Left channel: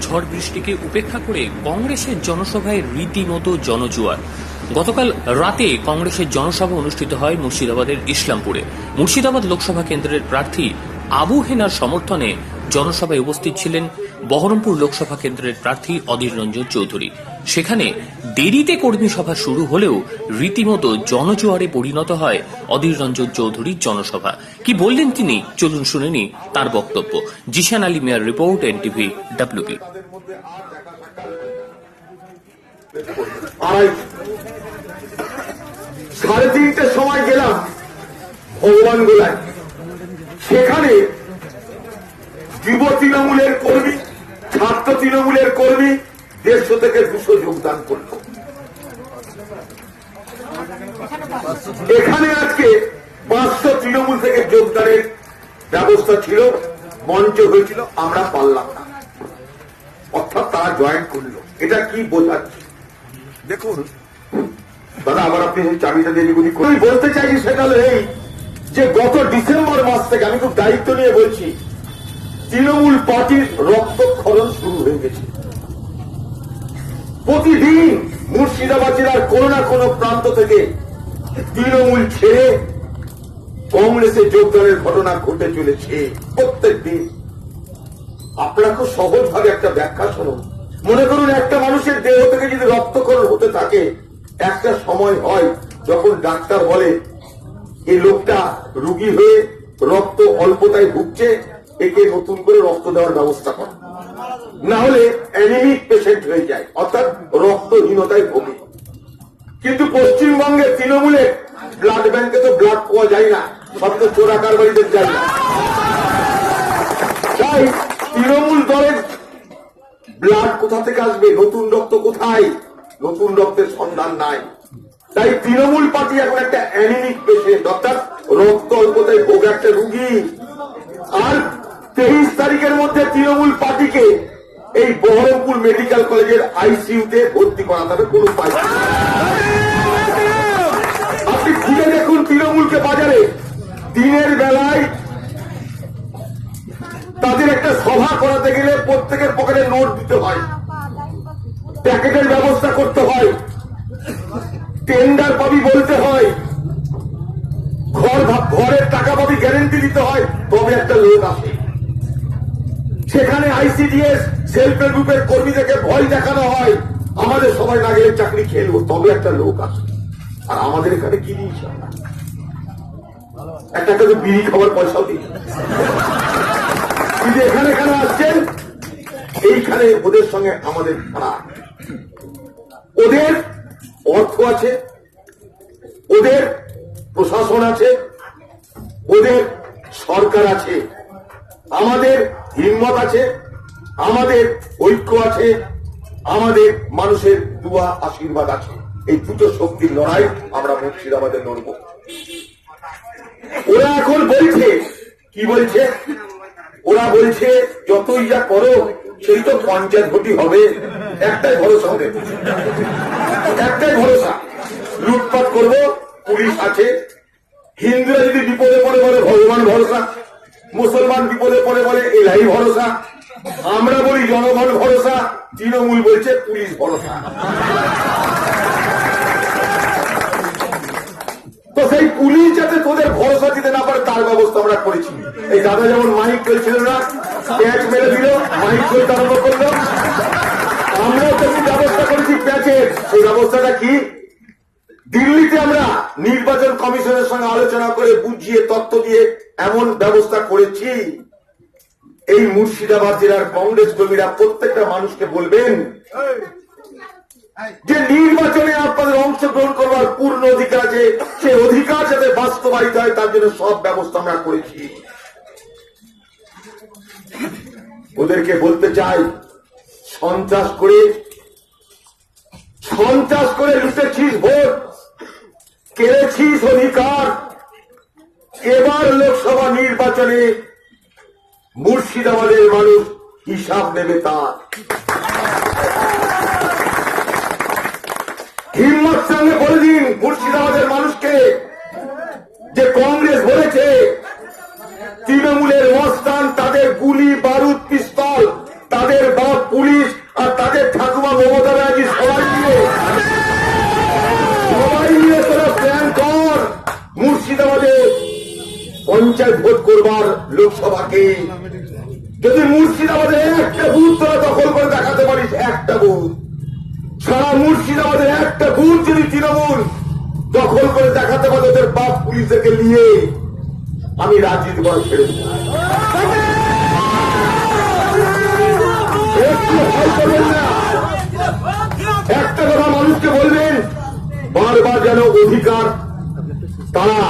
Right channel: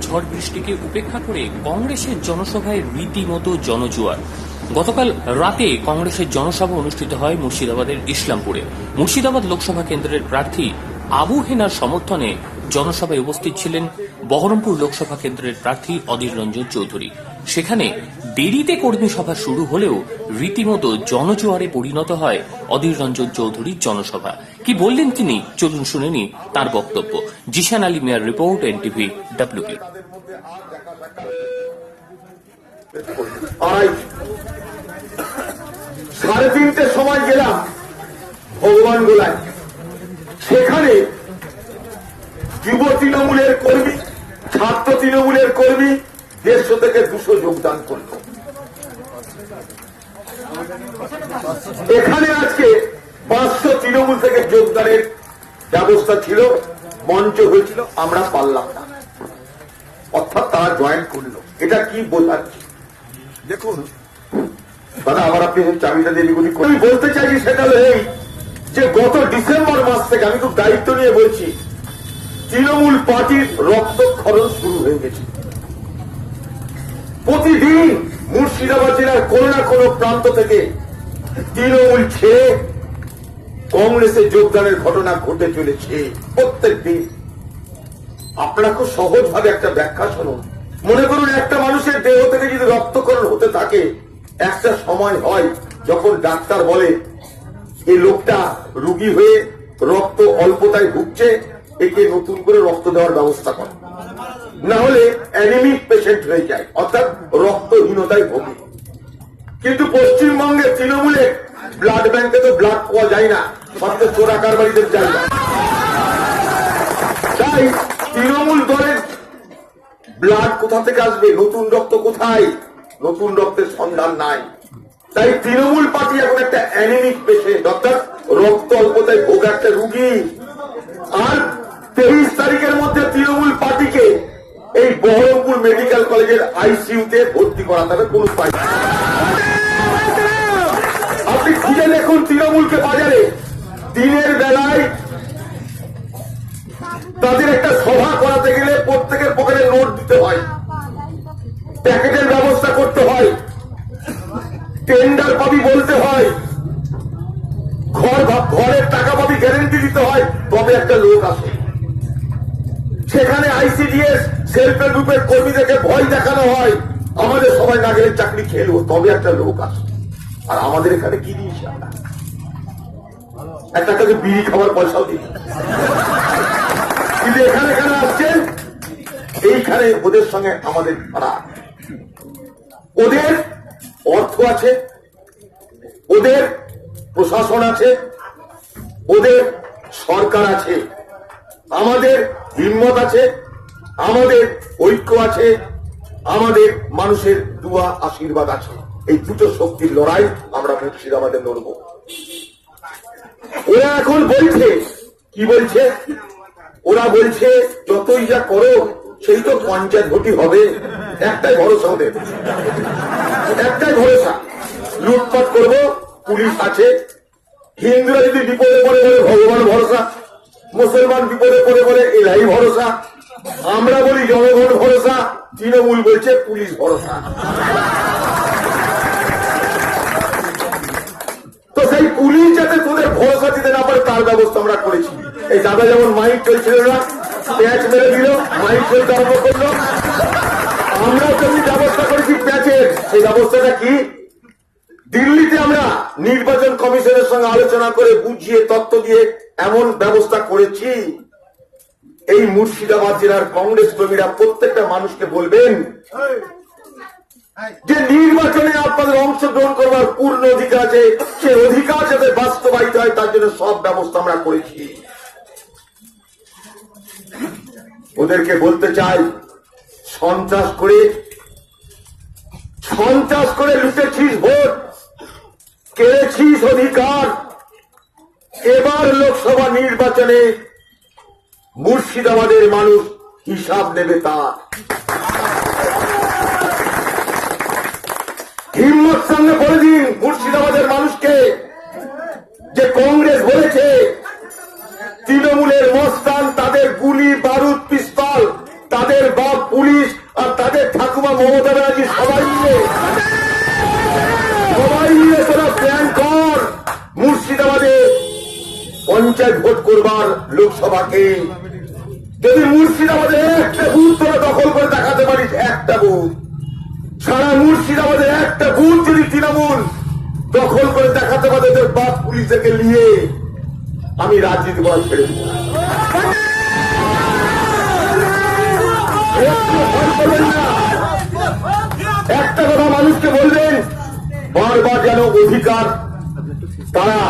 ঝড় বৃষ্টিকে উপেক্ষা করে কংগ্রেসের জনসভায় রীতিমতো জনজুয়ার। গতকাল রাতে কংগ্রেসের জনসভা অনুষ্ঠিত হয় মুর্শিদাবাদের ইসলামপুরে। মুর্শিদাবাদ লোকসভা কেন্দ্রের প্রার্থী আবু হেনার সমর্থনে জনসভায় উপস্থিত ছিলেন বহরমপুর লোকসভা কেন্দ্রের প্রার্থী অধীর রঞ্জন চৌধুরী। সেখানে দেরিতে কর্মী সভা শুরু হলেও রীতিমতো জনজোয়ারে পরিণত হয় অধীর রঞ্জন চৌধুরীর জনসভা। কি বললেন তিনি? চলুন শুনেনি তার বক্তব্য। জিশান আলী মিয়ার রিপোর্ট, এনটিভি ডাব্লিউপি আজ সাড়ে তিনটে সময় গেলাম ভগবান গোলায়। সেখানে যুব তৃণমূলের কর্মী, ছাত্র তৃণমূলের কর্মী দেড়শো থেকে দুশো যোগদান করল। এখানে আজকে পাঁচশো তৃণমূল থেকে যোগদানের ব্যবস্থা ছিল, মঞ্চ হয়েছিল, আমরা পারলাম না। অর্থাৎ তারা জয়েন করল। এটা কি বোঝাচ্ছে দেখুন, দাদা, আবার আপনি চাবিটা দিয়ে গুলি আমি বলতে চাইছি সেটা এই যে গত ডিসেম্বর মাস থেকে আমি খুব দায়িত্ব নিয়ে বলছি, তৃণমূল পার্টির রক্তক্ষরণ শুরু হয়ে গেছে। প্রতিদিন মুর্শিদাবাদ জেলার কোনো না কোনো প্রান্ত থেকে তৃণমূল ছেড়ে কংগ্রেসে যোগদানের ঘটনা ঘটে চলেছে প্রত্যেক দিন। আপনারা খুব সহজ ভাবে একটা ব্যাখ্যা শুনুন। মনে করুন, একটা মানুষের দেহ থেকে যদি রক্তকরণ হতে থাকে, একটা সময় হয় যখন ডাক্তার বলে এই লোকটা রুগী হয়ে রক্ত অল্পতায় ভুগছে, একে নতুন করে রক্ত দেওয়ার ব্যবস্থা করে। না হলে অ্যানিমিক পেশেন্ট হয়ে যায়, অর্থাৎ রক্তহীনতায় ভোগে। কিন্তু পশ্চিমবঙ্গে তৃণমূলে ব্লাড ব্যাংকে তো ব্লাড পাওয়া যায় না, সব তো চোরা কারবারিদের জায়গা। তাই তৃণমূল দলের ব্লাড কোথা থেকে আসবে? নতুন রক্ত কোথায়? নতুন রক্তের সন্ধান নাই। তাই তৃণমূল পার্টি এখন একটা অ্যানিমিক পেশেন্ট অর্থাৎ রক্ত অল্পতায় ভোগ একটা রুগী। আর তেইশ তারিখের মধ্যে তৃণমূল পার্টিকে এই বহরমপুর মেডিকেল কলেজের আইসিইউতে ভর্তি করাতে হবে কোন আপনি খুঁজে দেখুন তৃণমূলকে বাজারে। দিনের বেলায় তাদের একটা সভা করাতে গেলে প্রত্যেকের পকেটে নোট দিতে হয়। প্যাকেটের ব্যবস্থা করতে হয়। টেন্ডার পাবি বলতে হয়। ঘর ঘরের টাকা পাবি গ্যারেন্টি দিতে হয়। তবে একটা লোক আসে। সেখানে আইসিডিএস সেলফ হেল্প গ্রুপের কর্মীদেরকে ভয় দেখানো হয়। আমাদের সবাই না গেলে চাকরি খেলব তবে একটা লোক আসে আর আমাদের এখানে কি দিয়েছি একটা কাছে বিড়ি খাওয়ার পয়সাও দিই। কিন্তু এখানে এখানে আসছেন, এইখানে ওদের সঙ্গে আমাদের খারাপ ওদের অর্থ আছে, ওদের প্রশাসন আছে, ওদের সরকার আছে। আমাদের হিম্মত আছে, আমাদের ঐক্য আছে, আমাদের মানুষের দুয়া আশীর্বাদ আছে। এই দুটো শক্তির লড়াই আমরা মুর্শিদাবাদে লড়ব। ওরা এখন বলছে, কি বলছে? ওরা বলছে, যতই যা করো, সেই তো পঞ্চায়েত ভোটই হবে। একটাই ভরসা হবে একটাই ভরসা। লুটপাট করব, পুলিশ আছে। হিন্দুরা যদি বিপদে পড়ে বলে, ভগবান ভরসা। মুসলমান বিপদে পড়ে বলে এলাই ভরসা। আমরা বলি জনগণ ভরসা, তৃণমূল বলছে পুলিশ ভরসা। তো সেই পুলিশ যাতে তোদের ভরসা দিতে না পারে, তার ব্যবস্থা আমরা করেছি। এই দাদা যেমন মাইক চলছিল না প্যাচ মেরে দিল, মাইক চলতে আরম্ভ করল। আমরাও তেমনি ব্যবস্থা করেছি প্যাচের সেই ব্যবস্থাটা কি? দিল্লিতে আমরা নির্বাচন কমিশনের সঙ্গে আলোচনা করে বুঝিয়ে তত্ত্ব দিয়ে এমন ব্যবস্থা করেছি। এই মুর্শিদাবাদ জেলার কংগ্রেস কর্মীরা প্রত্যেকটা মানুষকে বলবেন যে নির্বাচনে আপনাদের অংশগ্রহণ করবার পূর্ণ অধিকার আছে সে অধিকার যাতে বাস্তবায়িত হয়, তার জন্য সব ব্যবস্থা আমরা করেছি। ওদেরকে বলতে চাই, সন্ত্রাস করে সন্ত্রাস করে লুটেছিস, ভোট। কেড়েছিস অধিকার। এবার লোকসভা নির্বাচনে মুর্শিদাবাদের মানুষ হিসাব নেবে তার। হিম্মত সঙ্গে বলে দিন মুর্শিদাবাদের মানুষকে। যে কংগ্রেস বলেছে, তৃণমূলের মস্তান তাদের গুলি পঞ্চায়েত ভোট করবার লোকসভাকে। যদি মুর্শিদাবাদে একটা বুথ তোরা দখল করে দেখাতে পারিস, একটা বুথ। সারা মুর্শিদাবাদে একটা বুথ যদি তৃণমূল দখল করে দেখাতে পারে, ওদের বাপ পুলিশকে নিয়ে আমি রাজনীতি করা ছেড়ে একটা কথা মানুষকে বলবেন, বারবার যেন অধিকার তারা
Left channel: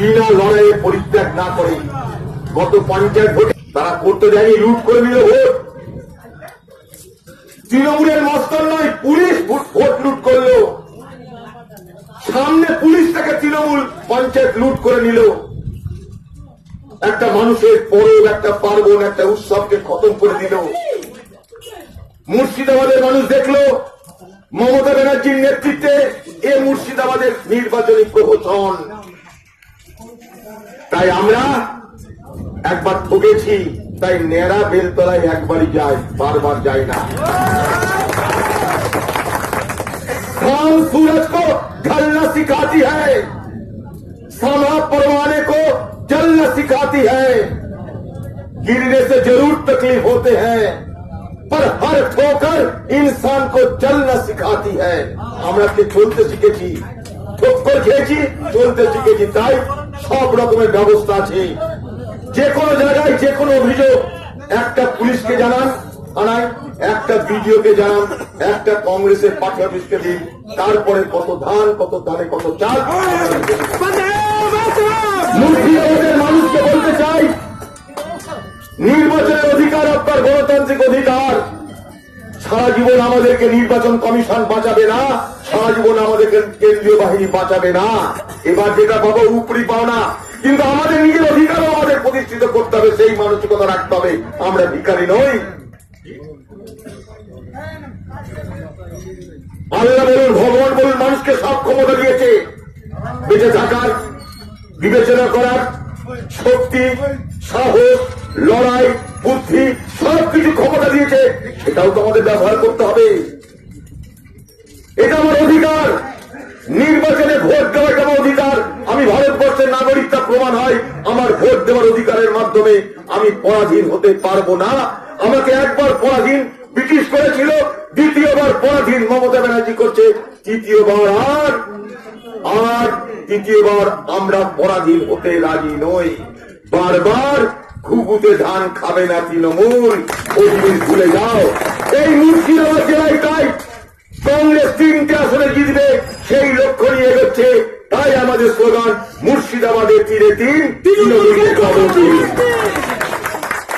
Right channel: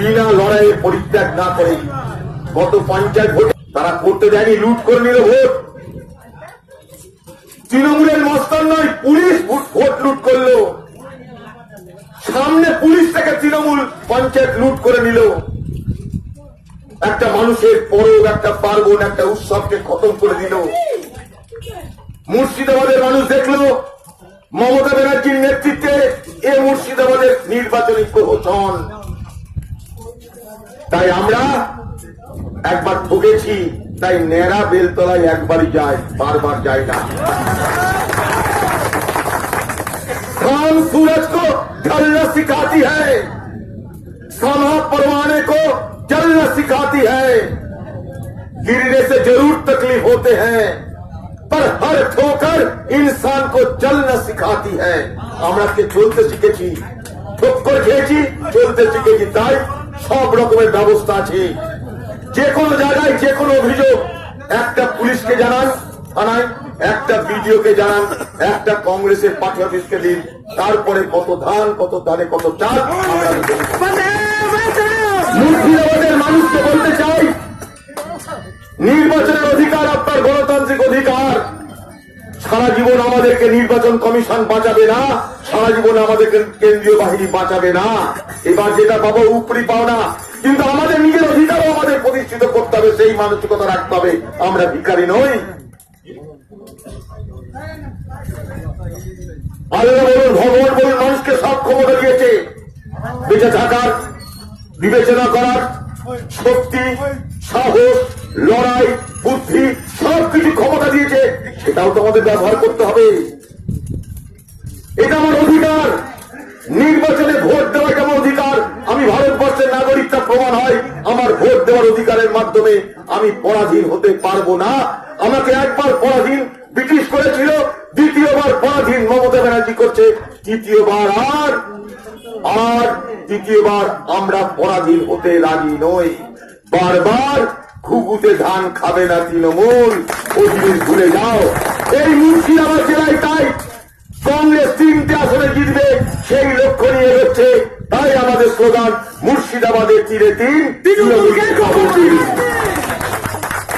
বিনা লড়াইয়ে পরিত্যাগ না করে গত পঞ্চায়েত ভোটে তারা করতে দেয়নি, লুট করে নিল ভোট। তৃণমূলের মস্তান নয়, পুলিশ ভোট ভোট লুট করল। সামনে পুলিশ থেকে তৃণমূল পঞ্চায়েত লুট করে নিল। একটা মানুষের পরব, একটা পার্বণ, একটা উৎসবকে খতম করে দিল। মুর্শিদাবাদের মানুষ দেখল, মমতা ব্যানার্জির নেতৃত্বে এ মুর্শিদাবাদের নির্বাচনী প্রহসন। তাই আমরা একবার ঠকেছি তাই নেড়া বেলতলায় একবারই যায় বারবার যায় না काम सूरज को ढलना सिखाती है समा परवाने को जलना सिखाती है गिरने से जरूर तकलीफ होते हैं पर हर ठोकर इंसान को चलना सिखाती है আমরা কে চলতে শিখেছি ঠোক্কর খেয়েছি চলতে শিখেছি তাই সব রকমের ব্যবস্থা আছে। যে কোনো জায়গায় যে কোনো অভিযোগ, একটা পুলিশকে জানান, থানায়, একটা বিডিওকে জানান, একটা কংগ্রেসের পার্টি অফিসকে দিন, তারপরে কত ধান, কত ধানে কত চাল। মুর্শিদাবাদের মানুষকে বলতে চাই, নির্বাচনের অধিকার আপনার গণতান্ত্রিক অধিকার। সারা জীবন আমাদেরকে নির্বাচন কমিশন বাঁচাবে না, সারা জীবন আমাদেরকে কেন্দ্রীয় বাহিনী বাঁচাবে না। এবার যেটা পাবো উপরি পাও না কিন্তু আমাদের নিজের অধিকারও আমাদের প্রতিষ্ঠিত করতে হবে, সেই মানসিকতা রাখতে হবে। আমরা ভিখারি নই। আল্লাহ বলুন, ভগবান বলুন, মানুষকে সব ক্ষমতা দিয়েছে। বেঁচে থাকার, বিবেচনা করার, শক্তি, সাহস, লড়াই, বুদ্ধি সব কিছু ক্ষমতা দিয়েছে, সেটাও তো আমাদের ব্যবহার করতে হবে। এটা আমার অধিকার। নির্বাচনে ভোট দেওয়া আমার অধিকার। আমি ভারতবর্ষের নাগরিক তা প্রমাণ হয়, আমার ভোট দেওয়ার অধিকারের মাধ্যমে আমি পরাধীন হতে পারব না। আমাকে একবার পরাধীন ব্রিটিশ করেছিল, দ্বিতীয়বার পরাধীন মমতা ব্যানার্জি করছে, তৃতীয়বার আর আর তৃতীয়বার আমরা পরাধীন হতে রাজি নই। বারবার ঘুঘুতে ধান খাবে না তৃণমূল ও জিনিস ভুলে যাও। এই মুর্শিদাবাদ জেলায় তাই কংগ্রেস তিনটে আসনে জিতবে সেই লক্ষ্য নিয়ে এগোচ্ছে। তাই আমাদের স্লোগান মুর্শিদাবাদের তীরে তিন দিন।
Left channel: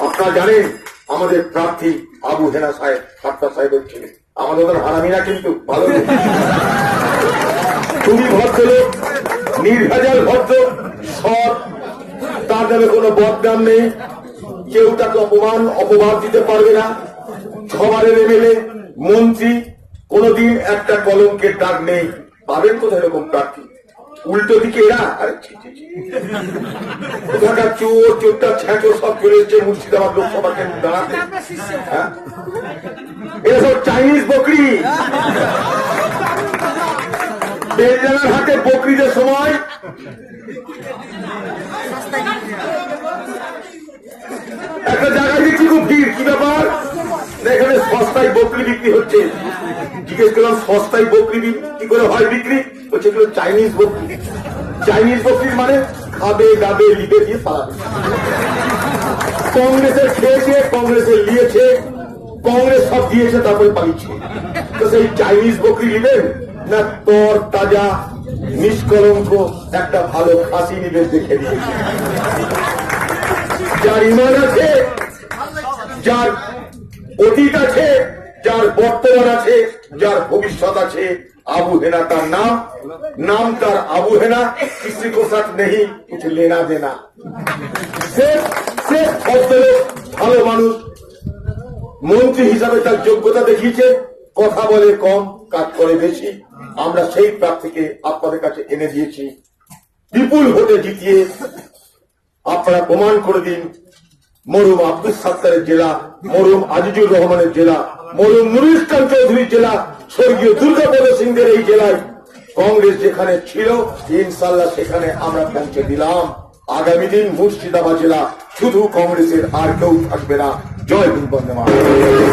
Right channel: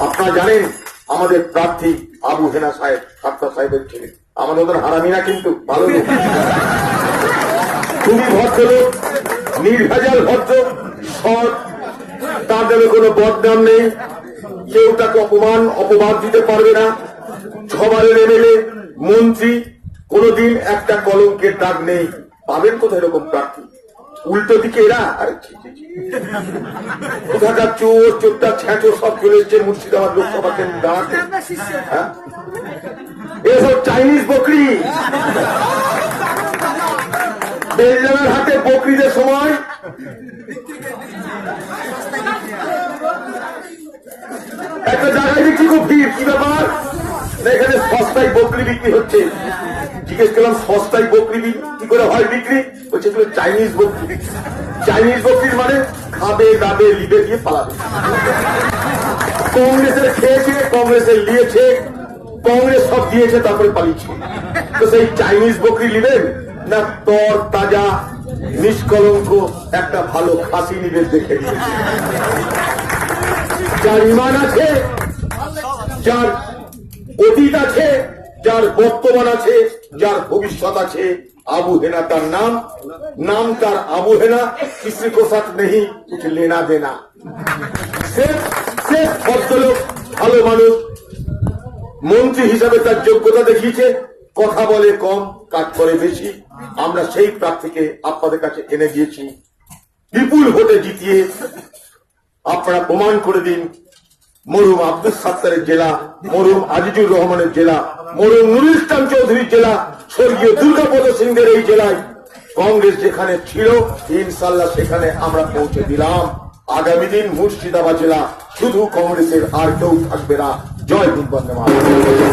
আপনারা জানেন আমাদের প্রার্থী আবু হেনা সাহেব সাত্তা সাহেবের ছেলে। আমাদের ওদের হারামি না কিন্তু ভালো। খুবই ভদ্রলোক নির্ভেজাল ভদ্র সৎ তাদের কোনো বদনাম নেই। কেউ তাকে অপমান অপবাদ দিতে পারবে না। সবার এমএলএ মন্ত্রী কোনদিন একটা কলঙ্কের দাগ নেই। পাবেন কোথায় এরকম প্রার্থী? উল্টো দিকে এরা। কোথাকার চোর চোরটা ছ্যাঁচো সব চলে এসছে মুর্শিদাবাদ লোকসভা কেন্দ্র হ্যাঁ? এরা সব চাইনিজ বকরি। বেলডাঙ্গার হাতে বকরিদের সময়। একটা জায়গায় দেখছি খুব ভিড়, কি ব্যাপার? এখানে সস্তায় বকরি বিক্রি হচ্ছে। জিজ্ঞেস করলাম, সস্তায় বকরি কি করে হয় বিক্রি? হচ্ছে এগুলো চাইনিজ বকরি। চাইনিজ বকরির মানে খাবে, দাবে, লিবে দিয়ে পালাবে। কংগ্রেসের খেয়েছে, কংগ্রেসের নিয়েছে কংগ্রেস সব দিয়েছে, তারপরে পালিয়েছে। তো সেই চাইনিজ বকরি নিবেন না, তর তাজা নিষ্কলঙ্ক একটা ভালো খাসি নিবেন দেখে দিয়েছে যার ইমান আছে, যার অতীত আছে, যার বর্তমান আছে, যার ভবিষ্যৎ আছে, আবু হেনা তার নাম। নাম তার আবু হেনা কিসি কো সাথ নেই, কিছু লেনা দেনা। ভদ্রলোক, ভালো মানুষ, মন্ত্রী হিসাবে তার যোগ্যতা দেখিয়েছে। কথা বলে কম, কাজ করে বেশি। আমরা সেই প্রার্থীকে আপনাদের কাছে এনে দিয়েছি। বিপুল ভোটে জিতিয়ে আপনারা প্রমাণ করে দিন মরুম আব্দুল সাত্তারের জেলা মরুম আজিজুর রহমানের জেলা মরুম নুরুল ইসলাম চৌধুরীর জেলা, স্বর্গীয় দুর্গাপদ সিংদের এই জেলায়। কংগ্রেস যেখানে ছিল ইনশাল্লাহ সেখানে আমরা পৌঁছে দিলাম। আগামী দিন মুর্শিদাবাদ জেলা, শুধু কংগ্রেসের আর কেউ থাকবে না। জয় হিন্দ বন্দে।